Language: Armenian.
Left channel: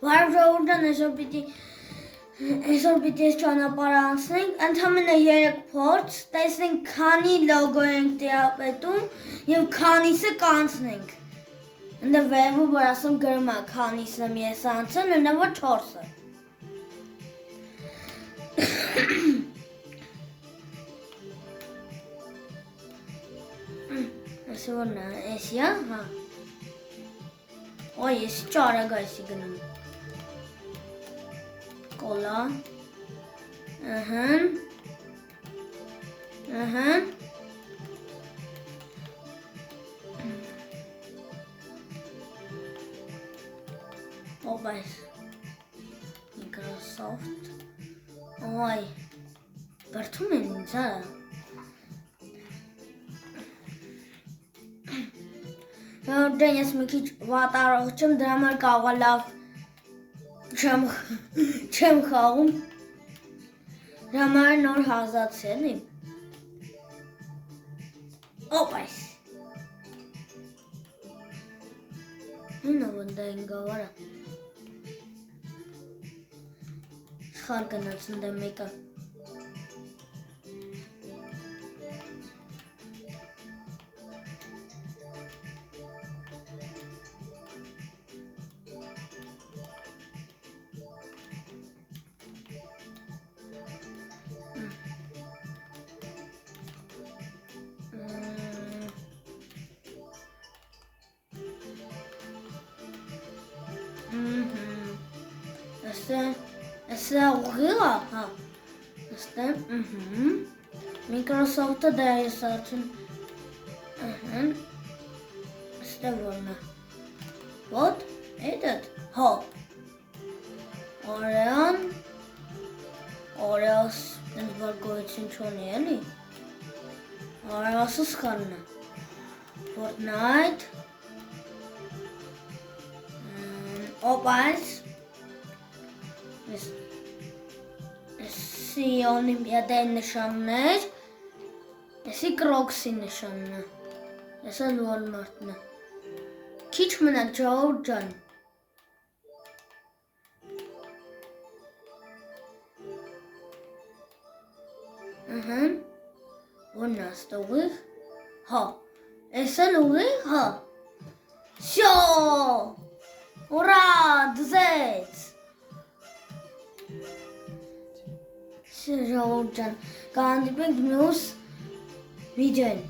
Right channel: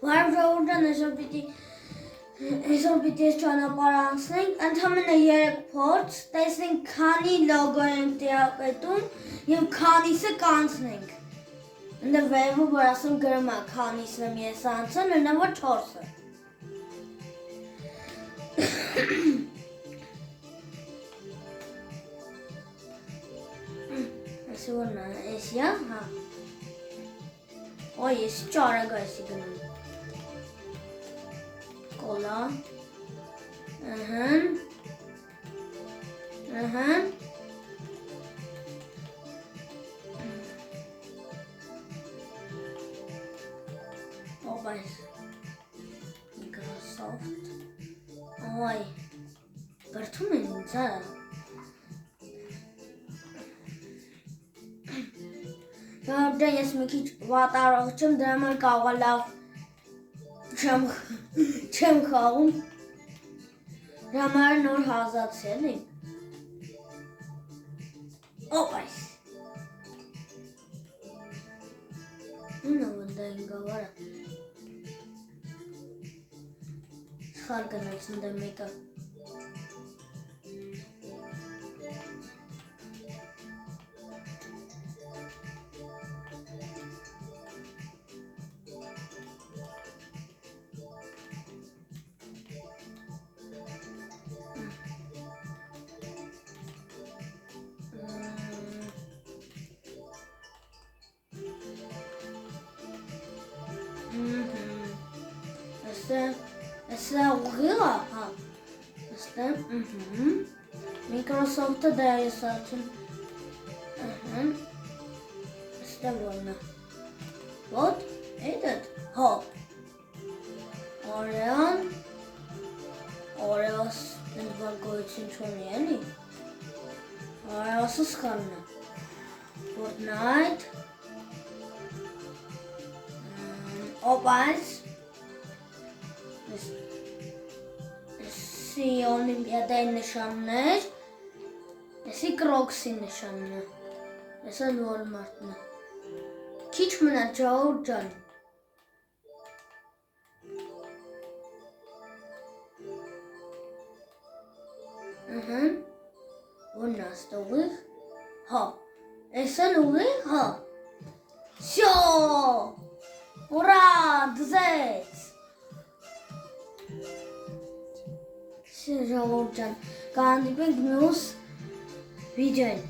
Բարև ժողովուրդ, այսօր պիտի ճանապարհ անցնենք, ընդամենը 3 փորձ, տեսնենք քանի լոգո ենք տիրապետում եւ քանիսը կանցնենք։ Ընդ վերևում որ ասում գրում է քանիսն եմ ես անցել, նույնավոր 4-ը։ Այսօր որն է, էսի է, հա։ Ոյ, ես ճարագ այսի գնում։ Կոլա, ով այս, Microsoft, ոյ, բրդում են ինձ արա։ Դե ես մի քիչ վատառող չեմ, դրա համար կարող է լավ չեմ խաղում, դրա համար նոր հազացել եմ, ոպ այս, նույնը վնդա են գավարը, սխալ գնաց նդա մեկը, Asta uğra, ha. Asta, Microsoft'ta da yazarım. Asta böyle. What? Evet. Hop. Oreos, ne var koysun çoğunluğu? Oreos'uz kanlı. Fortnite. Opals. Էսի օլիմպիադայի նշաններ, էսի կրոքսի նշանն է, էսը Walmart-ն է, քիչ մնա ժողովուրդ ջան, որն է աստ ուղիղ, հա, էսը ուղիղ, հա, շո, ուրա, դզեց, ժողովուրդ ջան, կհանդիպենք մյուս վիդեոյին։